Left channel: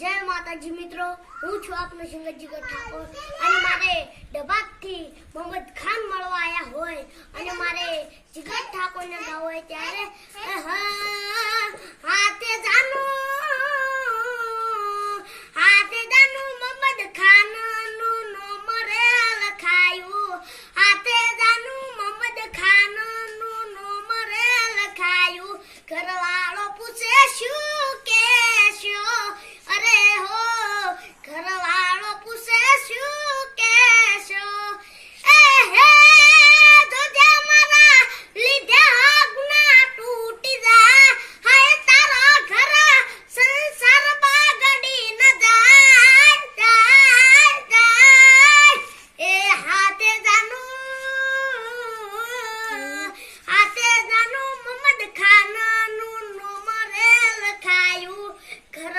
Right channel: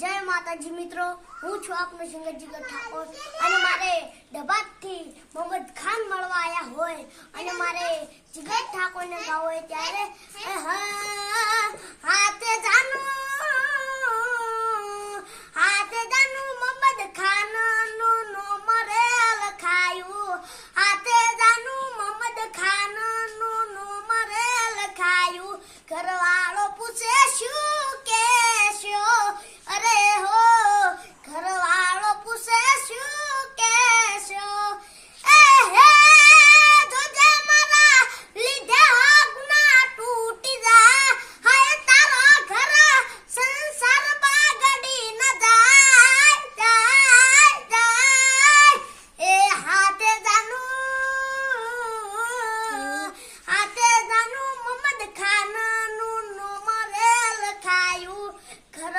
જય માતાજી મિત્રો, હું છું આપનો સિંગર જીગર ઠાકોર અને મારે ડબાથી મોહમ્મદ ખાન મળવા આયા હોય અને મારે જીગર ઠાકોરને ગાવ હોય ત્યારે હાથે જાનો